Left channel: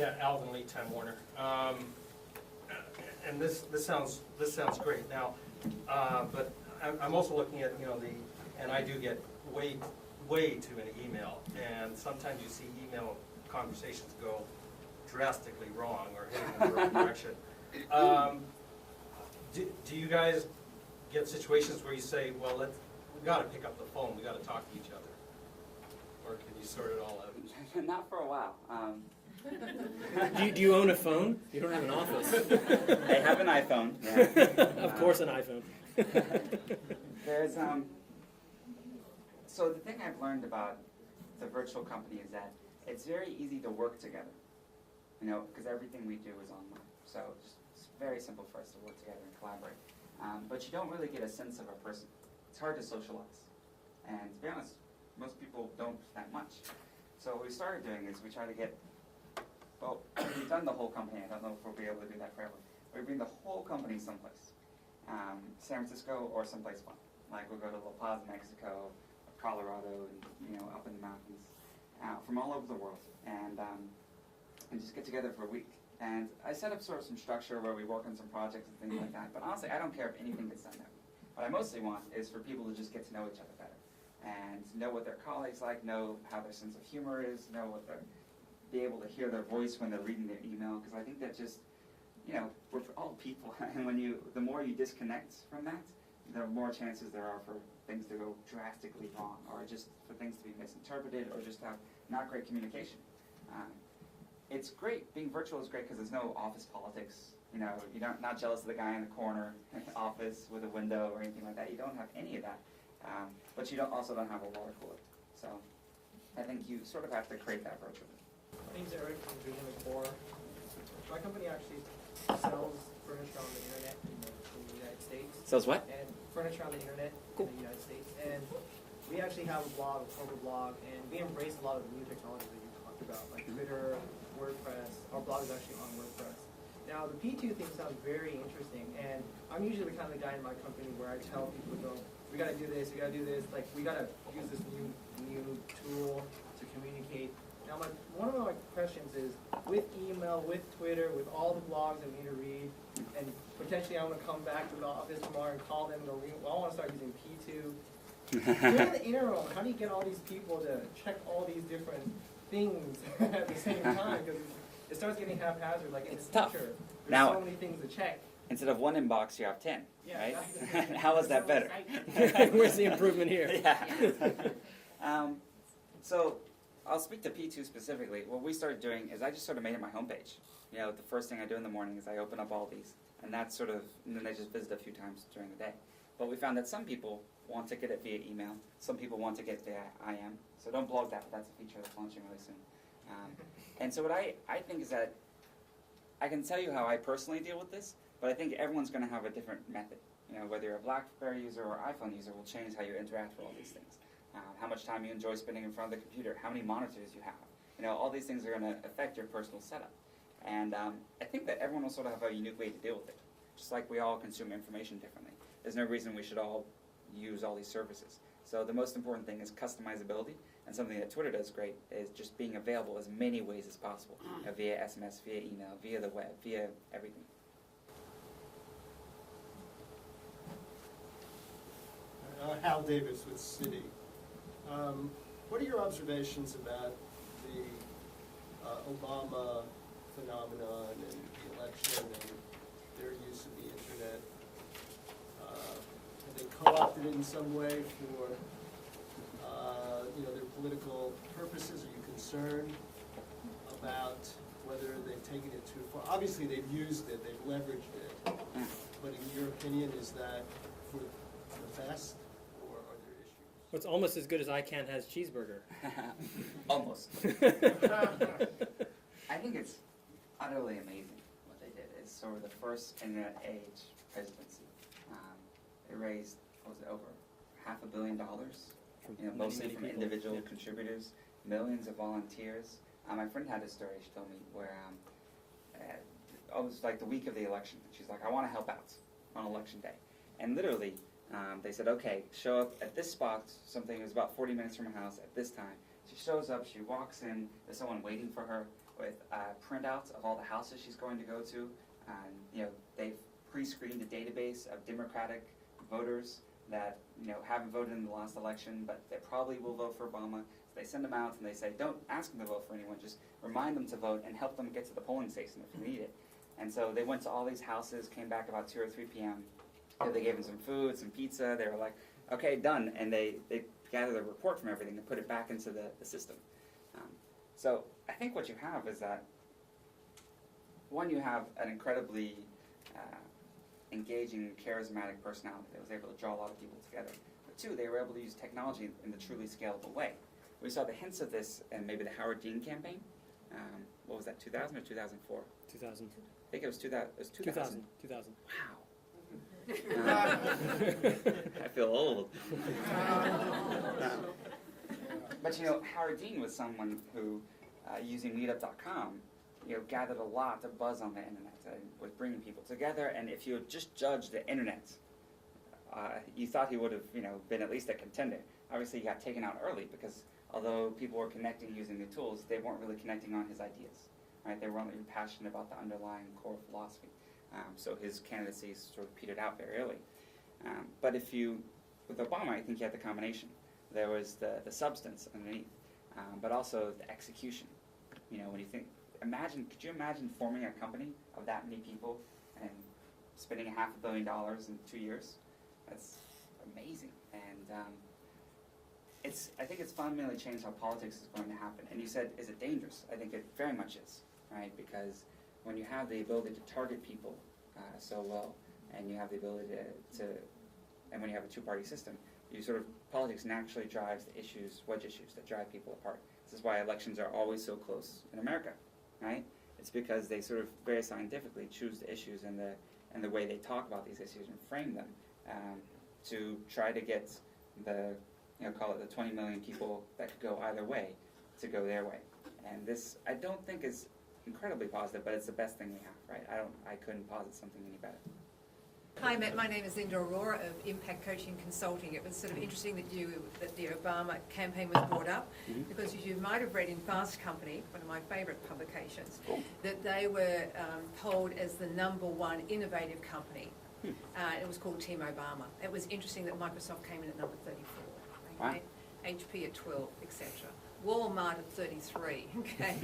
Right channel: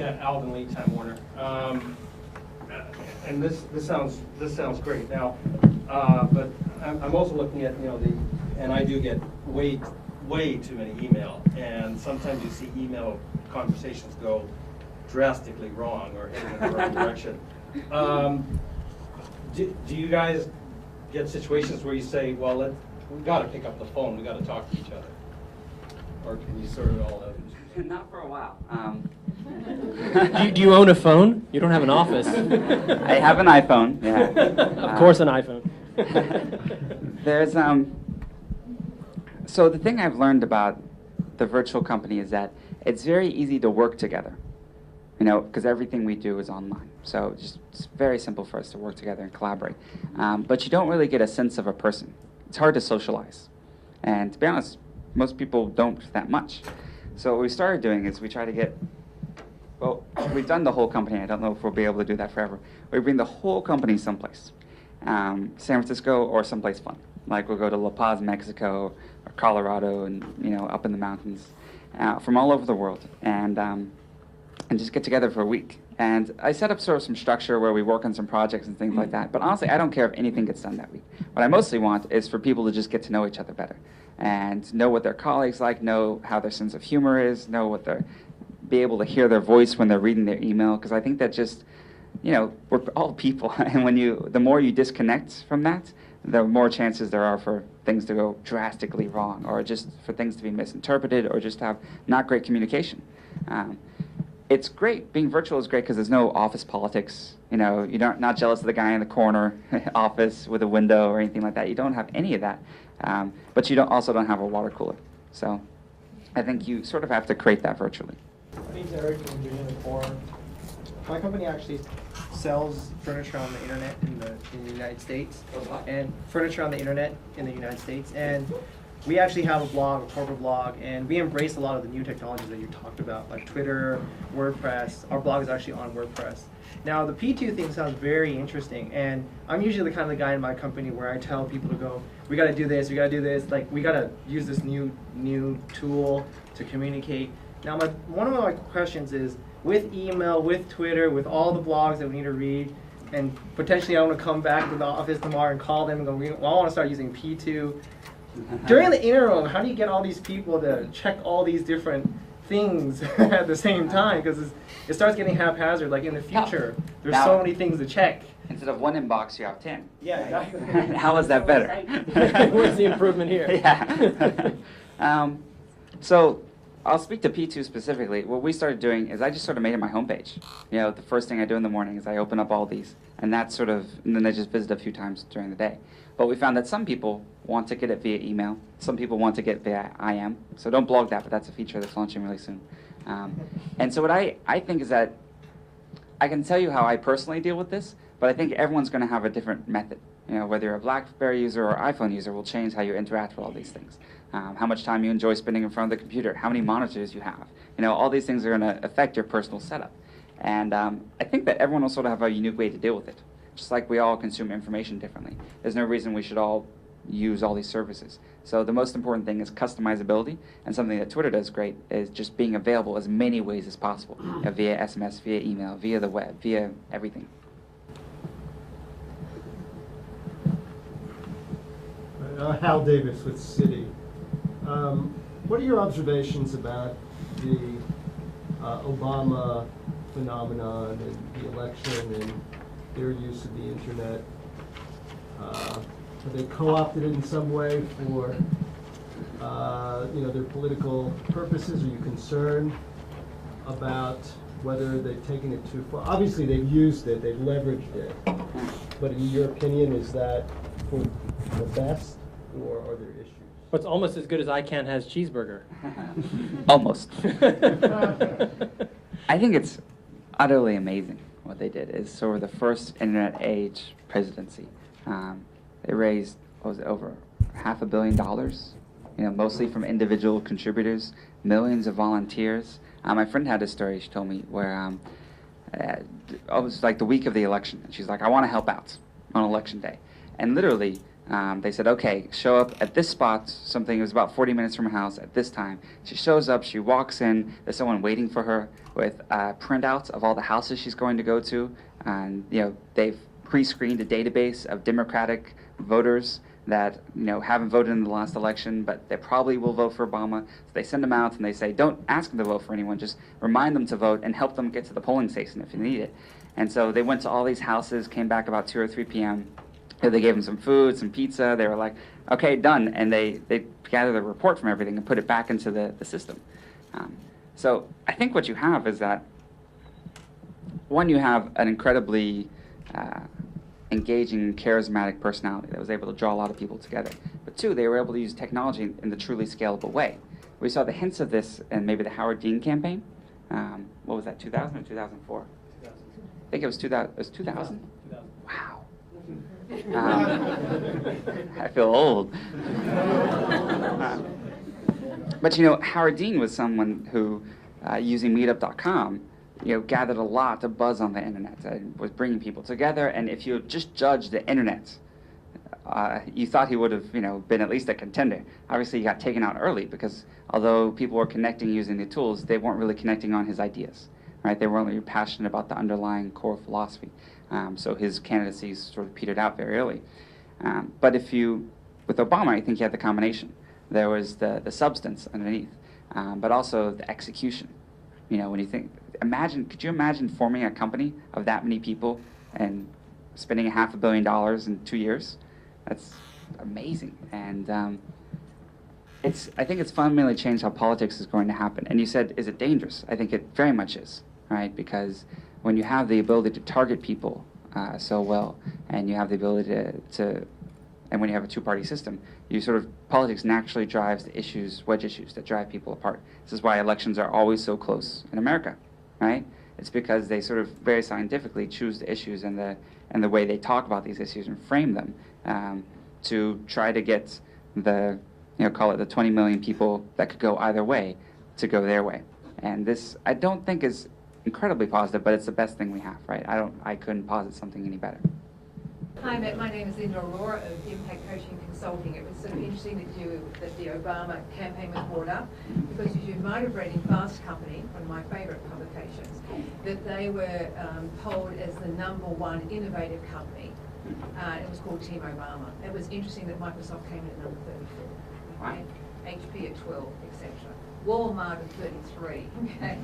Yeah, Alvin Lee, Time Warner. And this sounds great. Now, but I'm also looking at and I do get way too many email, and sometimes you see email conversations go drastically wrong or heading in the wrong direction. Do you guys get situations where you say, well, we got to pick up the phone, we got to talk to each other, or can you sort it all out? Not for a while. Do you own a phone? You don't have an office. I have an iPhone. Yeah. Of course, an iPhone. There's So the thing I've learned about the virtual company is that it's very easy to work together. Because everything we do is online. So it's very simple for us to work together and collaborate. But you don't really get a sense of a person. It's hard to socialize. And to be honest, most people don't that much. So what we started doing is we try to get, we've done the whole company. I don't know if we'll be able to do that forever. We bring the whole company someplace. San Francisco or someplace fun. Like we'll go to La Paz, Mexico, or Colorado, and up in the mountains, from all over the world. And just get together for a week. And I set up sort of some structure where we work on some projects and things like that. But honestly, I don't care if anything gets done that week. What I mostly want is for people to just get to know each other better and know what their colleagues like, know how their sense of humor is, be able to hear their voice when they're reading their email. Because I think that just, we're all people. And the more you disconnect from that, the more chances there are for things to go drastically wrong, or just for things to be misinterpreted, or just have not great communication. It's great. Being virtual is great because there's no office politics. You're not jealous of the guy in the corner office with a window or anything like that. You don't have any of that. But you also don't have a water cooler. So I think you sort of have to create that virtually. My name's Eric from Virginia Core. My company actually sells furniture on the internet in the United States. Sells what? And furniture on the internet in the United States. And we actually have a blog, a corporate blog, and we embrace a lot of the new technologies that you talked about, like Twitter, WordPress. Our blog is actually on WordPress. Now, the P2 thing sounds very interesting, and I'm usually the kind of the guy in my company where I tell people to go, we got to do this, we got to do this, like we got to use this new tool to communicate. Now, one of my questions is, with email, with Twitter, with all the blogs that we need to read, and potentially I want to come back to the office tomorrow and call them and go, well, I want to start using P2. During the interim, how do you get all these people to check all these different things at the same time? Because it starts getting haphazard. Like in the future, there's so many things to check. Instead of one inbox, you have 10. Yeah, exactly. How is that better? Where's the improvement here? Yeah. So I'll speak to P2 specifically. What we started doing is I just sort of made it my homepage. The first thing I do in the morning is I open up all these, and then I just visit a few times during the day. But we found that some people want to get it via email. Some people want to get via IM. So don't blog that, but that's a feature that's launching really soon. And so what I think is that I can tell you how I personally deal with this, but I think everyone's going to have a different method. Whether you're a BlackBerry user or iPhone user will change how you interact with all these things. How much time you enjoy spending in front of the computer, how many monitors you have. All these things are going to affect your personal setup. And I think that everyone will sort of have a unique way to deal with it. Just like we all consume information differently. There's no reason we should all use all these services. So the most important thing is customizability, and something that Twitter does great is just being available as many ways as possible, via SMS, via email, via the web, via everything. Hal Davis with Citi. What are your observations about the Obama phenomenon and the election and their use of the internet? Have they co-opted it in some way for their political purposes? Are you concerned about whether they've taken it too far? Obviously, they've used it, they've leveraged it. But in your opinion, is that for the best, or are there issues? What's almost as good as ICANN has cheeseburger. Almost. I think it's utterly amazing what they did. It's sort of the first internet age presidency. They raised, over $500 million, mostly from individual contributors, millions of volunteers. My friend had a story she told me where it was like the week of the election, and she's like, I want to help out on election day. And literally, They said, okay, show up at this spot, something, it was about 40 minutes from her house at this time. She shows up, she walks in, there's someone waiting for her with printouts of all the houses she's going to go to. And, they've pre-screened a database of Democratic voters that, haven't voted in the last election, but they probably will vote for Obama. So they send them out and they say, don't ask them to vote for anyone, just remind them to vote and help them get to the polling station if you need it. And so they went to all these houses, came back about 2 or 3 p.m. They gave them some food, some pizza. They were like, okay, done. And they gathered a report from everything and put it back into the system. So I think what you have is that, one, you have an incredibly engaging, charismatic personality that was able to draw a lot of people together. But 2, they were able to use technology in the truly scalable way. We saw the hints of this in maybe the Howard Dean campaign. What was that, 2000 or 2004? 2000. I think it was 2000. It was 2000? 2000. Wow. I feel old. But Howard Dean was someone who, using Meetup.com, gathered a lot of buzz on the internet and was bringing people together. And if you just judged the internet, you thought he would have, been at least a contender. Obviously, he got taken out early because although people were connecting using the tools, they weren't really connecting on his ideas, right? They weren't really passionate about the underlying core philosophy. So his candidacy sort of petered out very early. But with Obama, I think he had the combination. There was the substance underneath, but also the execution. When you think, could you imagine forming a company of that many people and spending $500 million in 2 years? That's amazing. And I think it's fundamentally changed how politics is going to happen. And you said, is it dangerous? I think it very much is, right? Because when you have the ability to target people so well, and you have the ability and when you have a two-party system, politics naturally drives the issues, wedge issues that drive people apart. This is why elections are always so close in America, right? It's because they sort of very scientifically choose the issues and the way they talk about these issues and frame them to try to get call it the 20 million people that could go either way to go their way. And this, I don't think is incredibly positive, but it's the best thing we have, right? I couldn't posit something any better. Hi, Matt. My name is Linda Aurora of Impact Coaching Consulting. It was sort of interesting that the Obama campaign was brought up because you might have read in Fast Company, one of my favourite publications, that they were polled as the #1 innovative company. It was called Team Obama. It was interesting that Microsoft came in at number 34, okay? HP at 12, etc. Walmart at 33. Okay.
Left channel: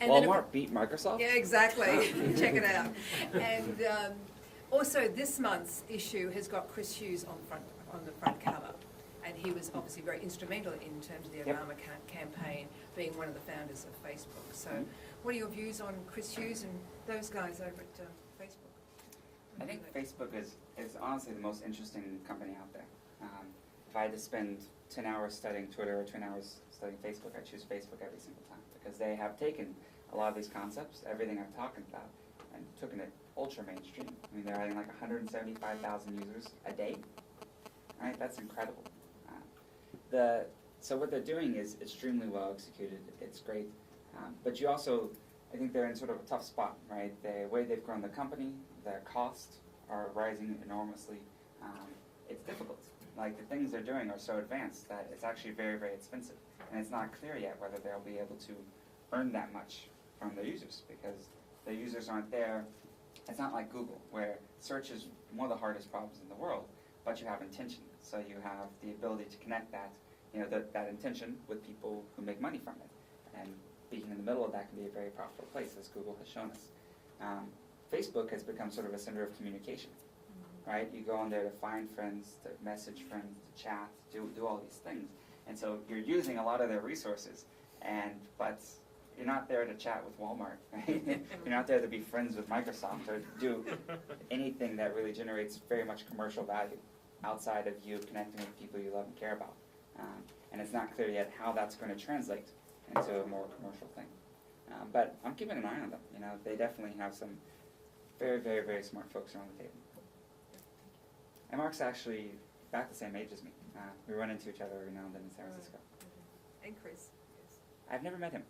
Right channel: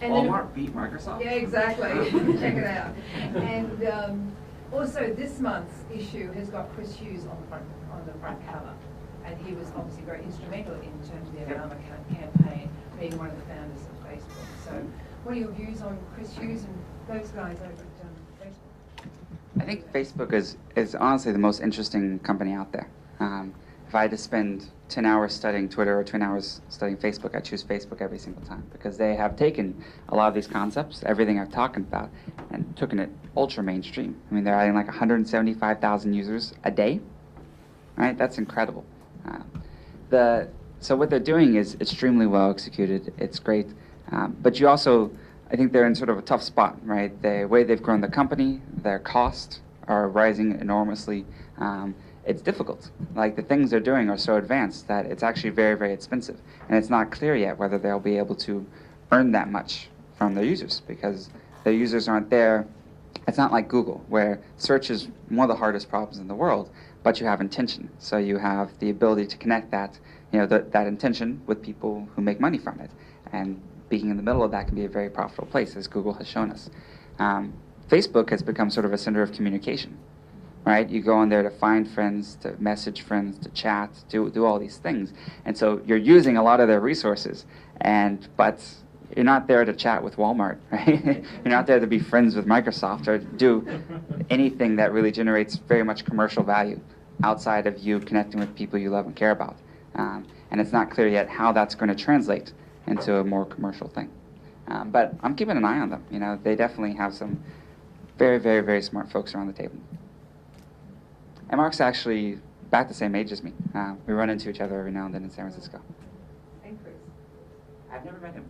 And Walmart beat Microsoft? Yeah, exactly. Check it out. And also, this month's issue has got Chris Hughes on the front cover, and he was obviously very instrumental in terms of the Obama campaign, being one of the founders of Facebook. So, what are your views on Chris Hughes and those guys over at Facebook? I think Facebook is honestly the most interesting company out there. If I had to spend 10 hours studying Twitter or 10 hours studying Facebook, I choose Facebook every single time because they have taken a lot of these concepts, everything I've talked about, and taken it ultra mainstream. I mean, they're adding like 175,000 users a day, right? That's incredible. So what they're doing is extremely well executed. It's great, but you also, I think they're in sort of a tough spot, right? The way they've grown the company, their costs are rising enormously. It's difficult. Like the things they're doing are so advanced that it's actually very, very expensive. And it's not clear yet whether they'll be able to earn that much from their users because their users aren't there. It's not like Google, where search is one of the hardest problems in the world, but you have intention. So you have the ability to connect that, that intention with people who make money from it. And being in the middle of that can be a very profitable place, as Google has shown us. Facebook has become sort of a center of communication. Right? You go on there to find friends, to message friends, to chat, do all these things. And so you're using a lot of their resources, but you're not there to chat with Walmart, right? You're not there to be friends with Microsoft or do anything that really generates very much commercial value outside of you connecting with people you love and care about. And it's not clear yet how that's going to translate into a more commercial thing. But I'm keeping an eye on them. They definitely have some very, very, very smart folks around the table. And Mark's actually about the same age as me. We run into each other every now and then in San Francisco. And Chris. I've never met him.